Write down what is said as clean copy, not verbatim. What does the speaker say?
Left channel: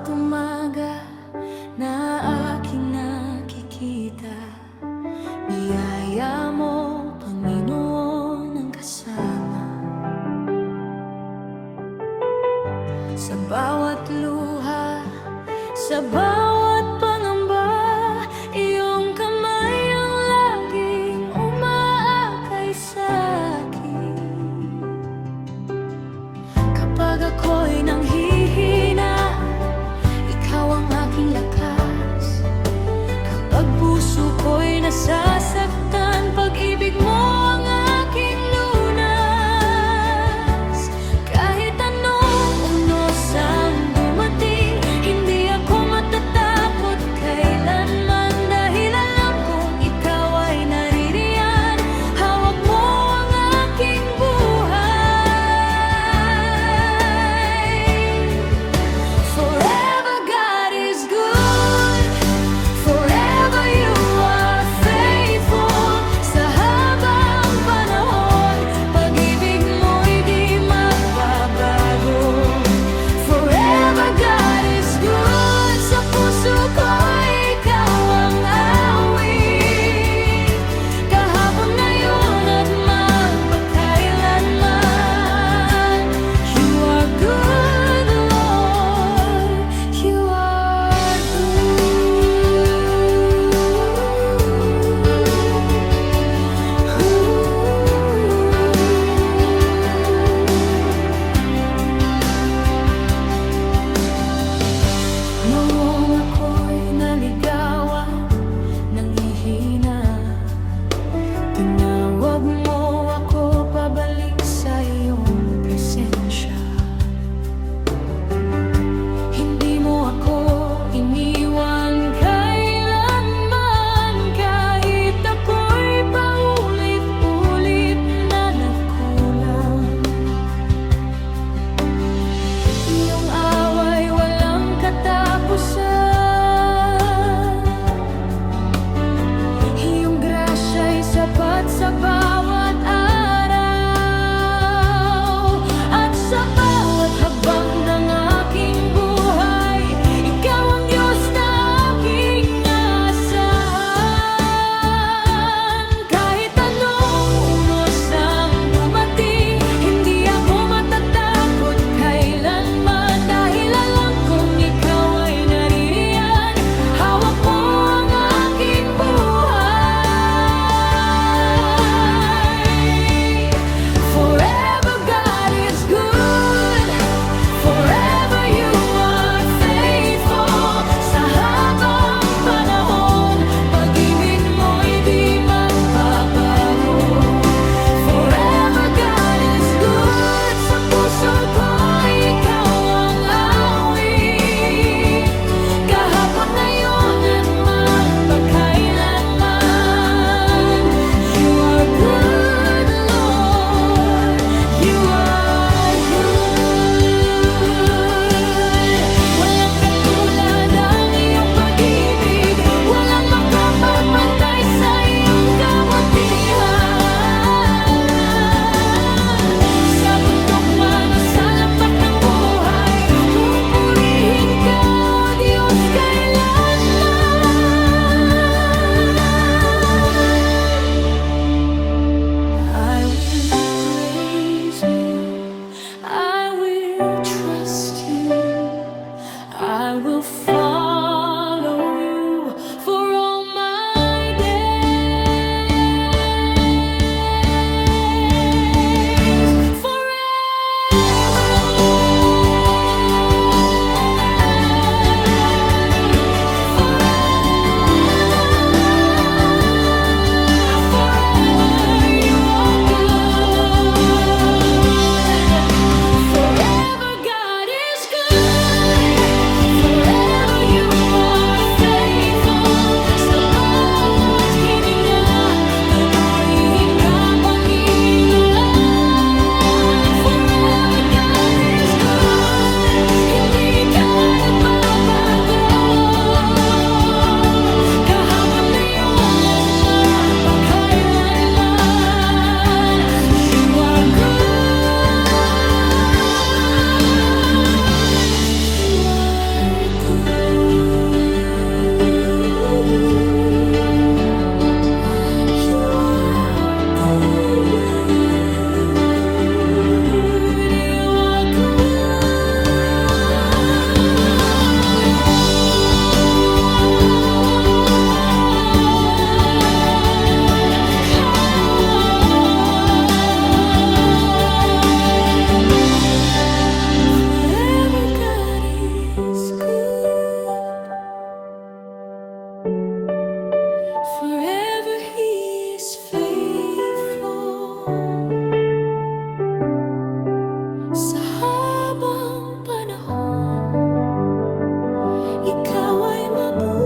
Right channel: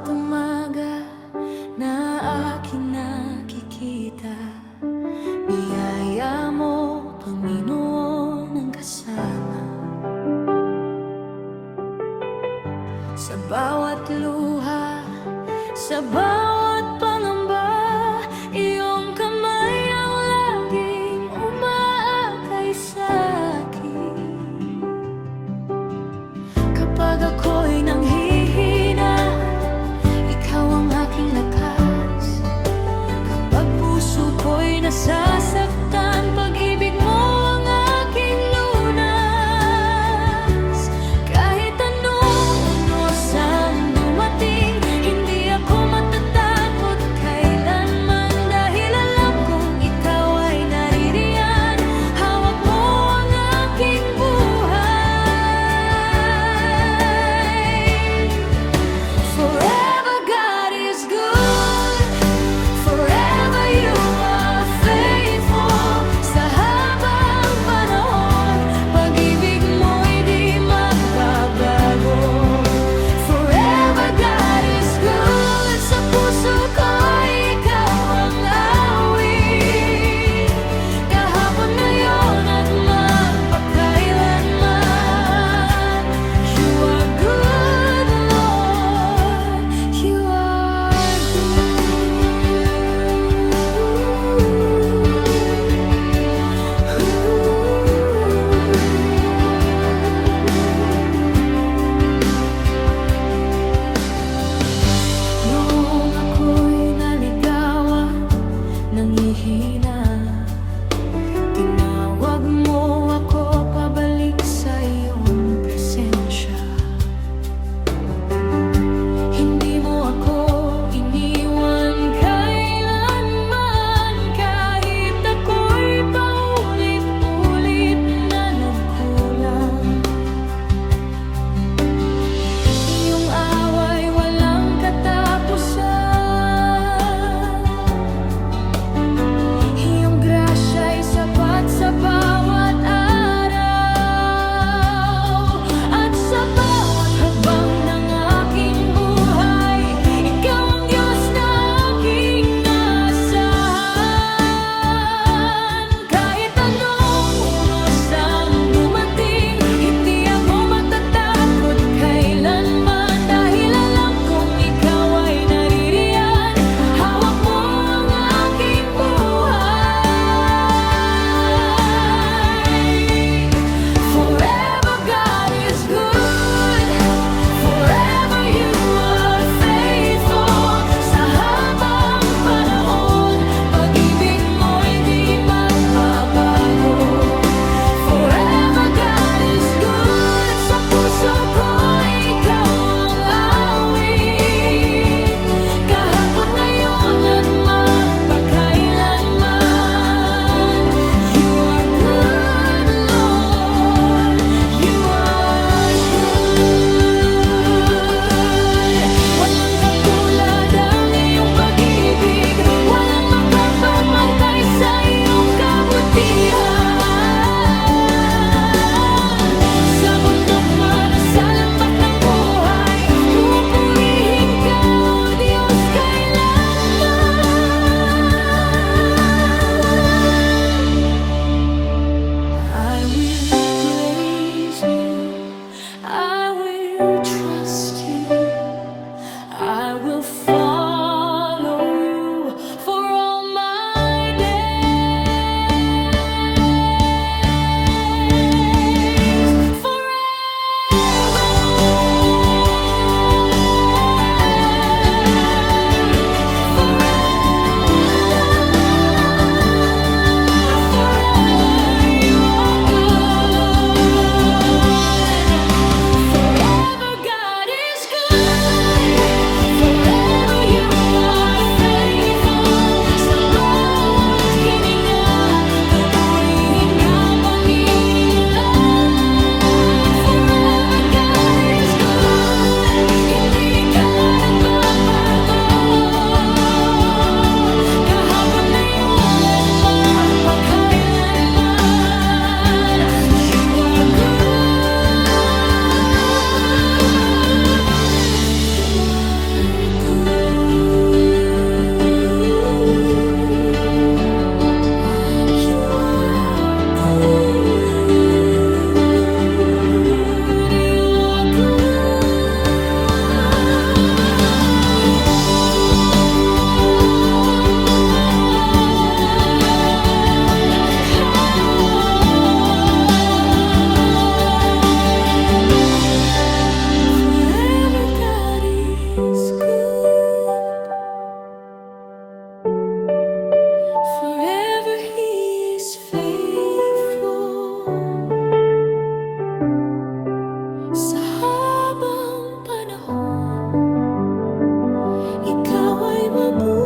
bawat umaga na aking nakikita, biyaya mo, Panginoon, ang kasama. Sa bawat luha, sa bawat pangamba, iyong kamay ang laging umaakay sa'kin. Kapag ako'y nanghihina, ikaw ang aking lakas. Kapag puso ko'y nasasaktan, pag-ibig mo ang aking lunas. Kahit anong unos ang dumating, hindi ako matatakot kailanman, dahil alam kong ikaw ay naririyan. Hawak mo ang aking buhay. Forever God is good, forever you are faithful. Sa habang panahon, pag-ibig mo'y di magbabago. Forever God is good, sa puso ko ikaw ang awit. Kahapon, ngayon at magpakailanman, you are good, Lord, you are Noong ako'y naligawan, nanghihina, tinawag mo ako pabalik sa iyong presensya. Hindi mo ako iniwan kailanman, kahit ako'y paulit-ulit na nagkulang. Iyong away walang katapusan, iyong grasya'y sapat sa bawat araw. At sa bawat habang ng aking buhay, ikaw ang Diyos na aking asahan. Kahit anong unos ang dumating, hindi ako matatakot kailanman, dahil alam kong ikaw ay naririyan. Hawak mo ang aking buhay. Forever God is good, forever you are faithful. Sa habang panahon, pag-ibig mo'y di magbabago. Forever God is good, sa puso ko ikaw ang awit. Kahapon, ngayon at magpakailanman, you are good, Lord, you are good. Walang katulad ang iyong pag-ibig, walang makapagpantay sa iyong kabutihan. Sa bundok man o sa lambak ng buhay, pupurihin ka, O Diyos, kailanman. I will praise you, I will trust you, I will follow you for all my days. Forever, forever you are good. Forever God is good, forever you Forever He is faithful. Sa habang panahon, Ikaw ay mabuti.